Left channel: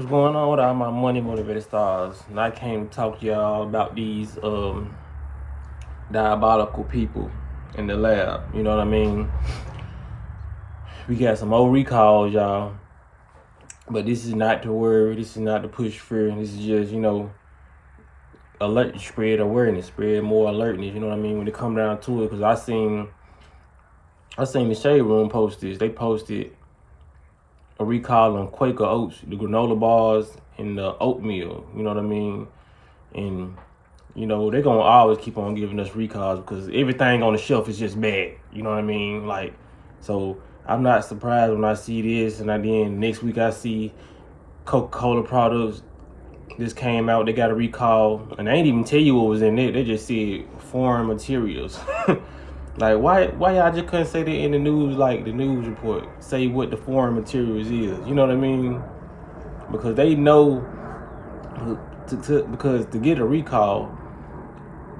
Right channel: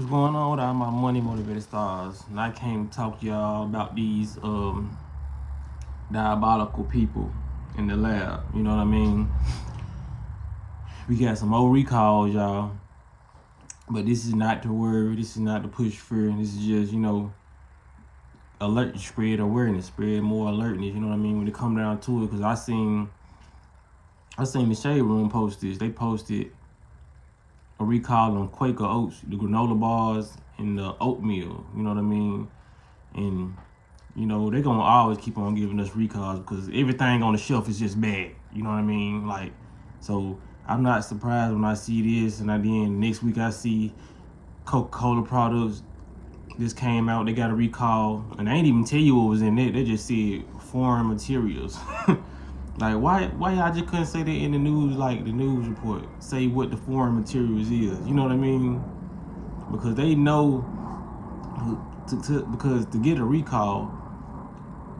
What's going on with all my money motivated stars? And I came to talk to y'all about these diabolical people in the lab. You know what I mean? We got some old recalls, y'all. But this is not to worry. This is not to push fear. This is just, alert, spread awareness, spread more alertness. You know what I mean? When it come down to it, because I seen the Shade Room post this. They posted a recall on Quaker Oats, the granola bars, and the oatmeal. You know what I mean? And they're gonna always keep on giving us recalls because everything on the shelf is just bad. You know what I mean? Like, so I'm not surprised when I see this, and then next week I see Coca-Cola products. This came out, they got a recall, and they ain't even tell you what was in it. They just said foreign materials. Like, why y'all just couldn't say that in the news, like the news report, say what the foreign materials is? You know what I mean? Because they know, because to get a recall,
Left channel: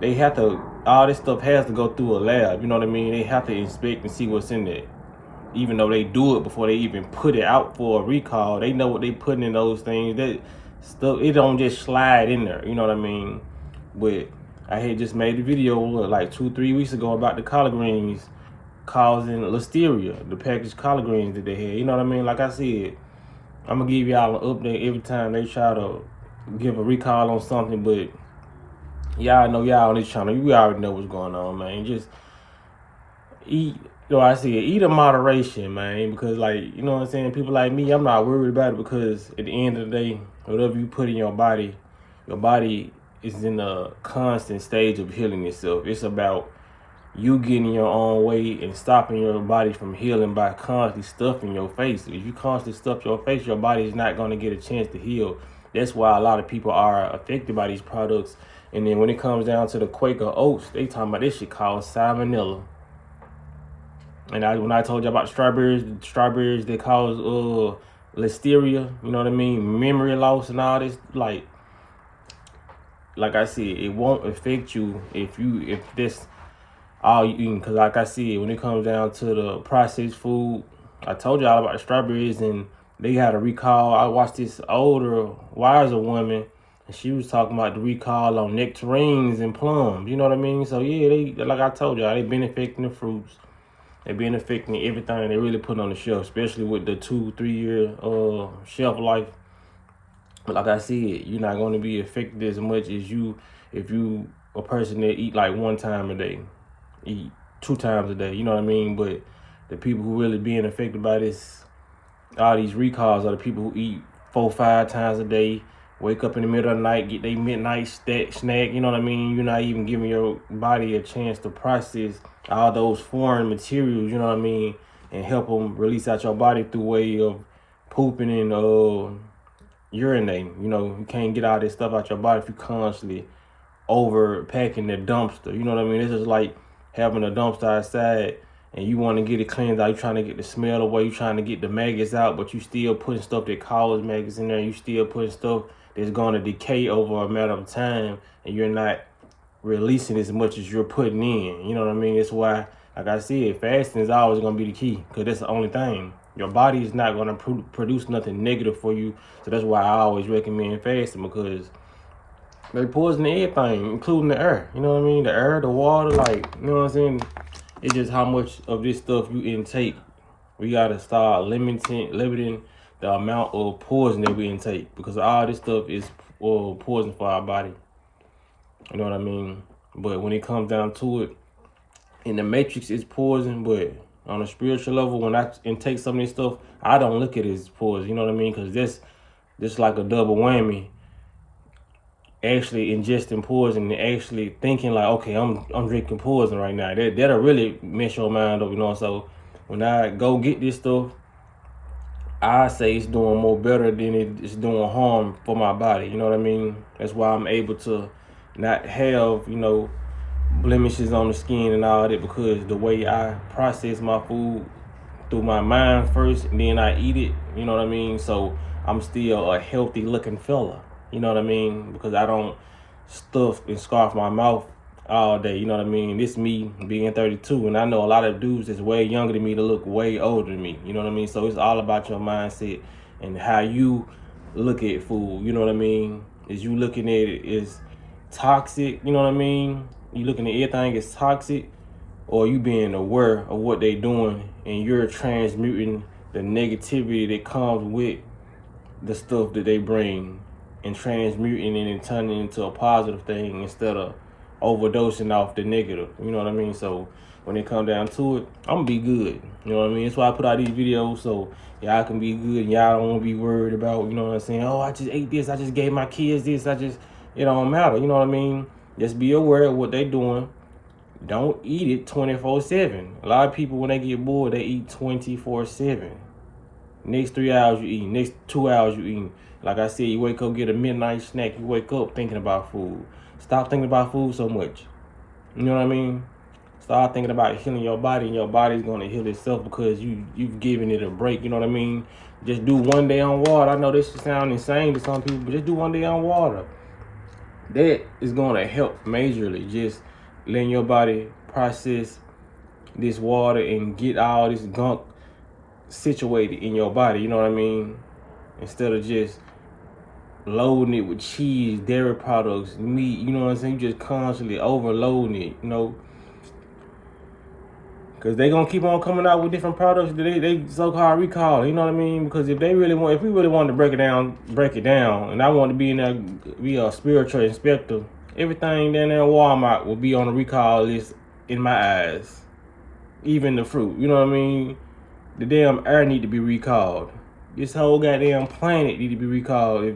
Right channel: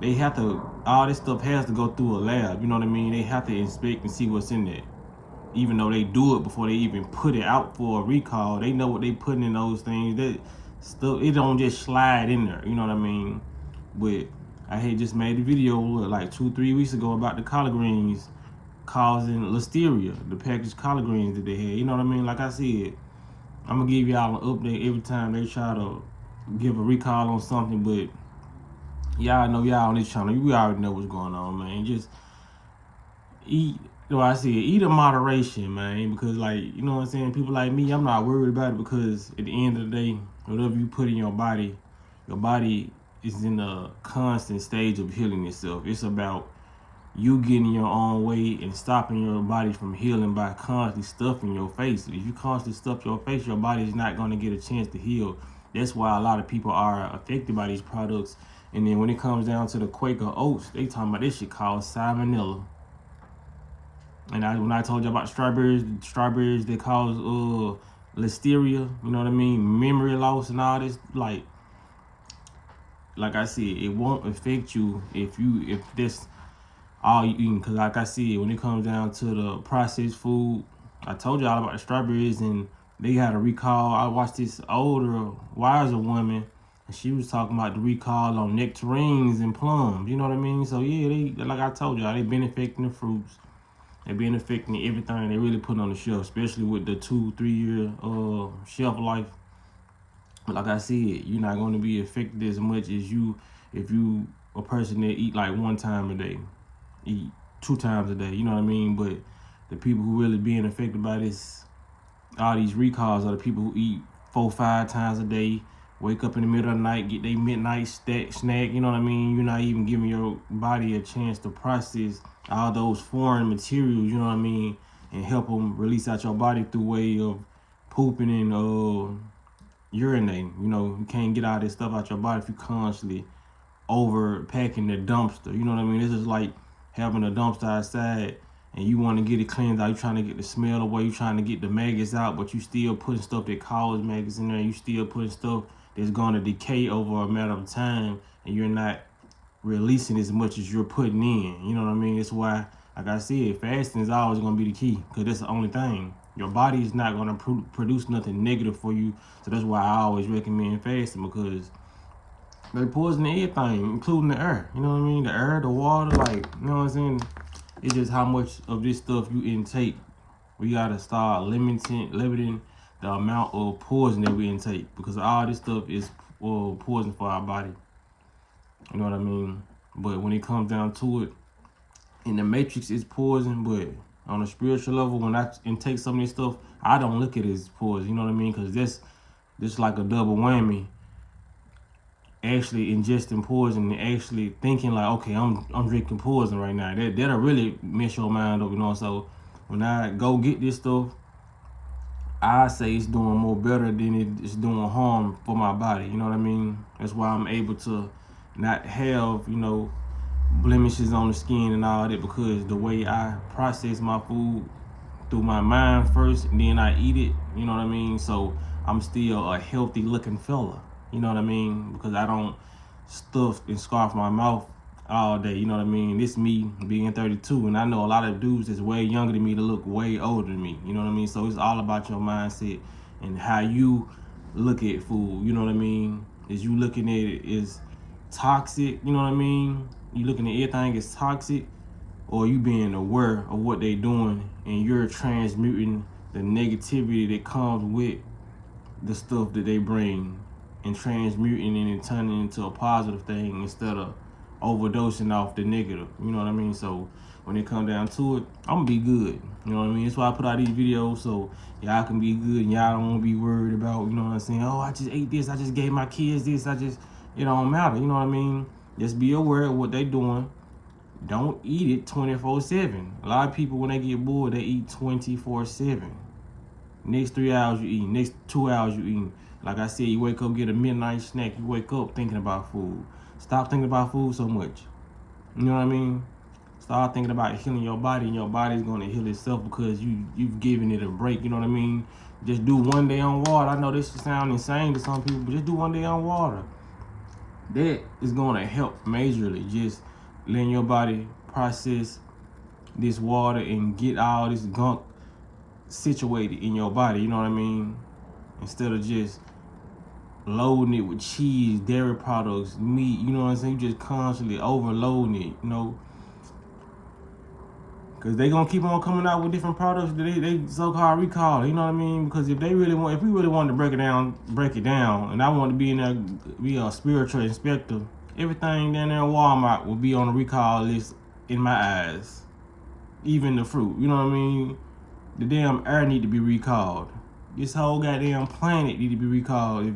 they have to, all this stuff has to go through a lab. You know what I mean? They have to inspect and see what's in there. Even though they do it before they even put it out for a recall, they know what they putting in those things. That stuff, it don't just slide in there. You know what I mean? But I had just made a video like 2-3 weeks ago about the collard greens causing listeria, the packaged collard greens that they had. You know what I mean? Like I said, I'm gonna give y'all an update every time they try to give a recall on something. But y'all know, y'all on this channel, you already know what's going on, man. Just eat. I said eat in moderation, man, because, like, you know what I'm saying, people like me, I'm not worried about it, because at the end of the day, whatever you put in your body is in a constant stage of healing itself. It's about you getting your own way and stopping your body from healing by constantly stuffing your face. If you constantly stuff your face, your body is not going to get a chance to heal. That's why a lot of people are affected by these products. And then when it comes down to the Quaker Oats, they talking about this shit called salmonella. And when I told you about strawberries that cause listeria, you know what I mean, memory loss and all this, like I said, it won't affect you if this all you eating. Because like I said, when it comes down to the processed food, I told y'all about the strawberries, and they had a recall. I watched this older, wiser woman, and she was talking about the recall on nectarines and plums. You know what I mean? So yeah, they, like I told y'all, they been affecting the fruits. They been affecting everything they really put on the shelf, especially with the 2-3 year shelf life. But like I said, you're not going to be affected as much as if you a person that eat like 1 time a day, eat 2 times a day. You know what I mean? But the people who really being affected by this, all these recalls, are the people who eat 4-5 times a day, wake up in the middle of the night, get their midnight snack. You know what I mean? You're not even giving your body a chance to process all those foreign materials, you know what I mean, and help them release out your body through way of pooping and urinating. You can't get all this stuff out your body if you constantly overpacking the dumpster. You know what I mean? This is like having a dumpster outside and you want to get it cleaned out. You're trying to get the smell away. You're trying to get the maggots out, but you still putting stuff that causes maggots in there. You still putting stuff that's going to decay over a matter of time, and you're not releasing as much as you're putting in. You know what I mean? That's why, like I said, fasting is always going to be the key, because that's the only thing. Your body is not going to produce nothing negative for you. So that's why I always recommend fasting, because they poison everything, including the air. You know what I mean? The air, the water, like, you know what I'm saying? It's just how much of this stuff you intake. We got to start limiting the amount of poison that we intake, because all this stuff is poison for our body. You know what I mean? But when it comes down to it, in the matrix, it's poison. But on a spiritual level, when I intake some of this stuff, I don't look at it as poison. You know what I mean? Because this like a double whammy. Actually ingesting poison and actually thinking like, okay, I'm drinking poison right now. That'll really mess your mind up, So when I go get this stuff, I say it's doing more better than it's doing harm for my body. You know what I mean? That's why I'm able to not have, blemishes on the skin and all that, because the way I process my food through my mind first, and then I eat it. You know what I mean? So I'm still a healthy looking fella. You know what I mean? Because I don't stuff and scarf my mouth all day. You know what I mean? This me being 32, and I know a lot of dudes that's way younger than me to look way older than me. You know what I mean? So it's all about your mindset and how you look at food, you know what I mean? Is you looking at it as toxic, you know what I mean? You looking at everything as toxic, or you being aware of what they doing and you're transmuting the negativity that comes with the stuff that they bring and transmuting it and turning it into a positive thing instead of overdosing off the negative. You know what I mean? So when it come down to it, I'm gonna be good. You know what I mean? That's why I put out these videos so y'all can be good and y'all don't wanna be worried about, you know what I'm saying? Oh, I just ate this, I just gave my kids this, it don't matter, you know what I mean? Just be aware of what they doing. Don't eat it 24/7. A lot of people, when they get bored, they eat 24/7. Next 3 hours you eating. Next 2 hours you eating. Like I said, you wake up, get a midnight snack. You wake up thinking about food. Stop thinking about food so much. You know what I mean? Start thinking about healing your body, and your body's going to heal itself because you've given it a break. You know what I mean? Just do 1 day on water. I know this sound insane to some people, but just do 1 day on water. That is going to help majorly. Just letting your body process this water and get all this gunk situated in your body, you know what I mean? Instead of just loading it with cheese, dairy products, meat, you know what I'm saying? You just constantly overloading it, you know? Because they gonna keep on coming out with different products that they so-called recall, you know what I mean? Because if we really wanted to break it down, and I want to be in there, be a spiritual inspector, everything down there in Walmart will be on the recall list in my eyes. Even the fruit, you know what I mean? The damn air need to be recalled. This whole goddamn planet need to be recalled. If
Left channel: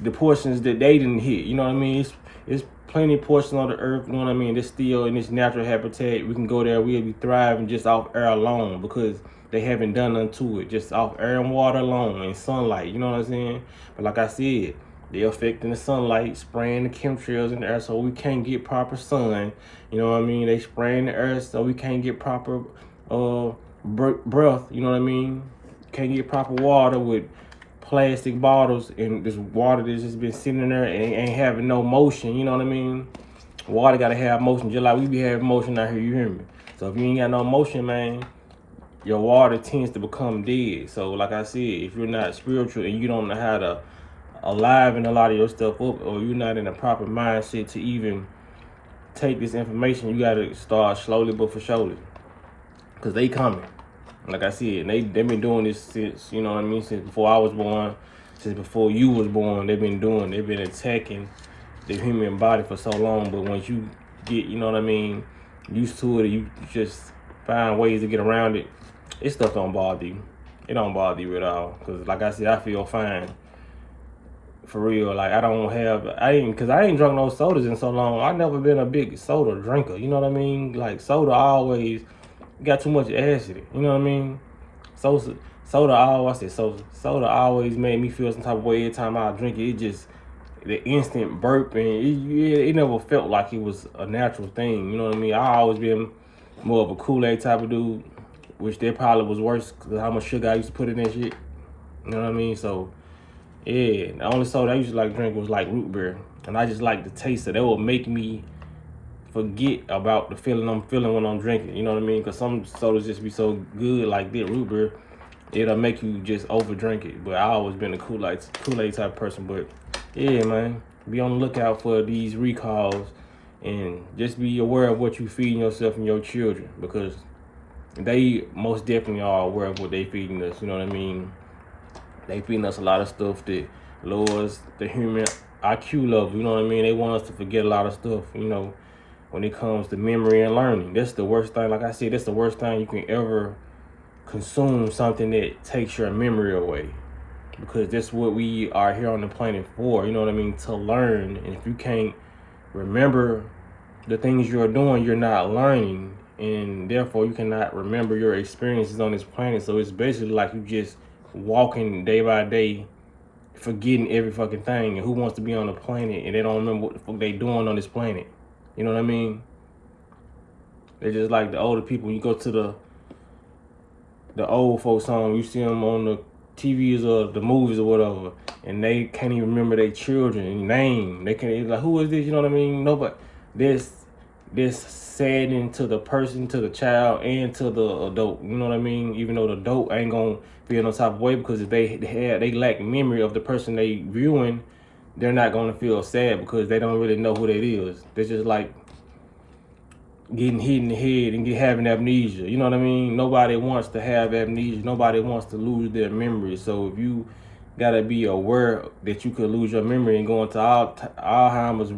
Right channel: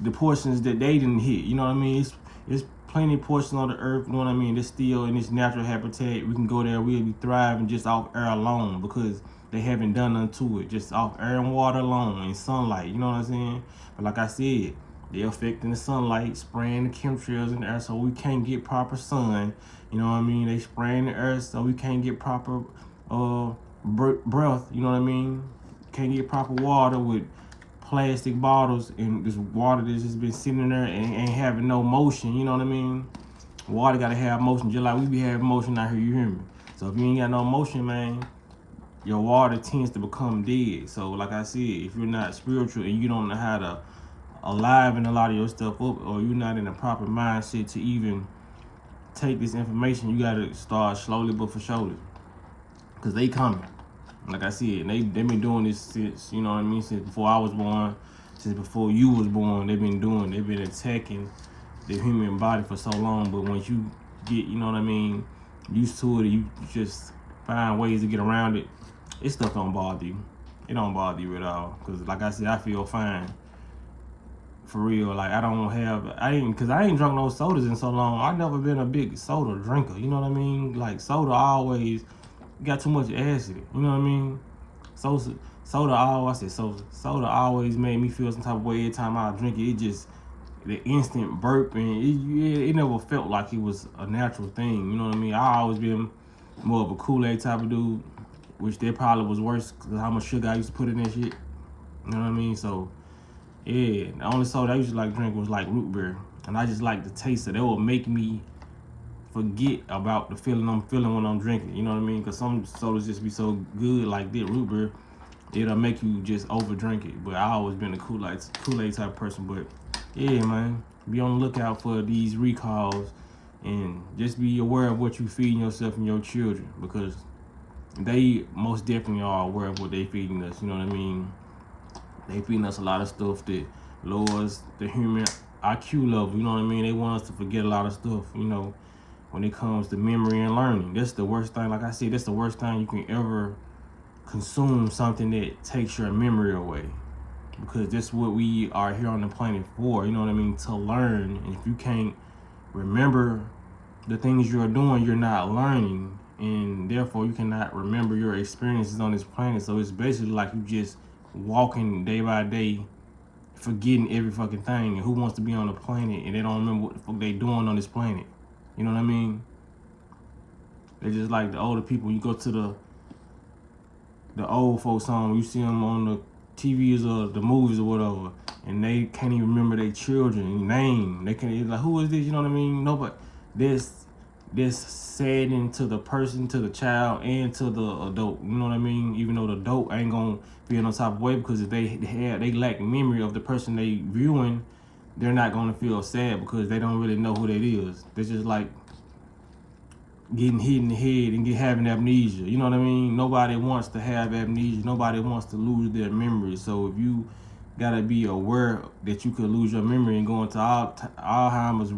the portions that they didn't hit, you know what I mean? It's plenty of portions on the earth, you know what I mean? They're still in this natural habitat. We can go there, we'll be thriving just off air alone because they haven't done nothing to it. Just off air and water alone and sunlight, you know what I'm saying? But like I said, they're affecting the sunlight, spraying the chemtrails in the air so we can't get proper sun. You know what I mean? They spraying the earth so we can't get proper breath, you know what I mean? Can't get proper water with plastic bottles and this water that's just been sitting there and ain't having no motion, you know what I mean? Water gotta have motion, just like we be having motion out here, you hear me? So if you ain't got no motion, man, your water tends to become dead. So like I said, if you're not spiritual and you don't know how to aliven a lot of your stuff up, or you're not in a proper mindset to even take this information, you gotta start slowly but for surely. Cause they coming. Like I said, they've been doing this since, you know what I mean, since before I was born, since before you was born, they've been attacking the human body for so long. But once you get, you know what I mean, used to it, you just find ways to get around it. This stuff don't bother you. It don't bother you at all. Cause like I said, I feel fine. For real, like I ain't drunk no sodas in so long. I never been a big soda drinker. You know what I mean? Like soda always got too much acid. You know what I mean? Soda always made me feel some type of way every time I drink it. It just the instant burp and it never felt like it was a natural thing. You know what I mean? I always been more of a Kool-Aid type of dude, which that probably was worse because how much sugar I used to put in that shit. You know what I mean? So yeah, the only soda I used to like drink was like root beer, and I just like the taste of it. That would make me forget about the feeling I'm feeling when I'm drinking. You know what I mean? Because some sodas just be so good, like that root beer, it'll make you just over drink it. But I always been a Kool-Aid type person. But yeah, man, be on the lookout for these recalls and just be aware of what you feeding yourself and your children, because they most definitely are aware of what they feeding us. You know what I mean? They feeding us a lot of stuff that lowers the human IQ level. You know what I mean? They want us to forget a lot of stuff, you know, when it comes to memory and learning. That's the worst thing. Like I said, that's the worst thing you can ever consume, something that takes your memory away. Because that's what we are here on the planet for, you know what I mean? To learn. And if you can't remember the things you're doing, you're not learning. And therefore, you cannot remember your experiences on this planet. So it's basically like you just walking day by day, forgetting every fucking thing. And who wants to be on the planet and they don't remember what the fuck they doing on this planet? You know what I mean? They're just like the older people. You go to the old folks home, you see them on the TVs or the movies or whatever, and they can't even remember their children name. They can't, like, who is this? You know what I mean? Nobody. This saddening to the person, to the child, and to the adult. You know what I mean? Even though the adult ain't gonna feel no type of way, because if they lack memory of the person they viewing, they're not gonna feel sad because they don't really know who that is. They're just like getting hit in the head and having amnesia. You know what I mean? Nobody wants to have amnesia. Nobody wants to lose their memory. So if you gotta be aware that you could lose your memory and go into Alzheimer's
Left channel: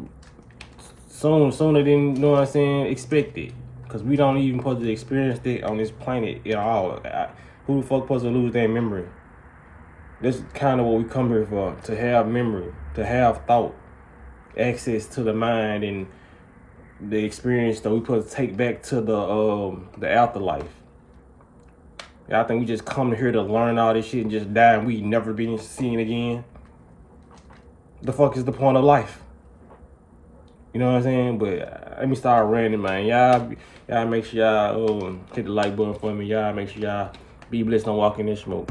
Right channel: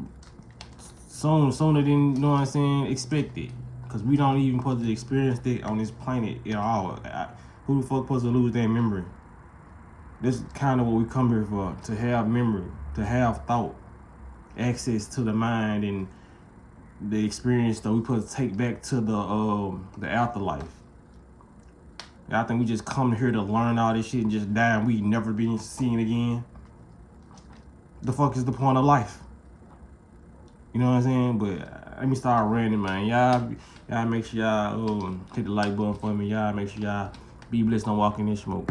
sooner than, you know what I'm saying, expected. Because we don't even supposed to experience it on this planet at all. Who the fuck supposed to lose their memory? This is kind of what we come here for, to have memory, to have thought, access to the mind and the experience that we supposed to take back to the afterlife. I think we just come here to learn all this shit and just die and we never be seen again. The fuck is the point of life? You know what I'm saying? But let me start ranting, man. Y'all make sure y'all hit the like button for me. Y'all make sure y'all be blessed on walking in smoke.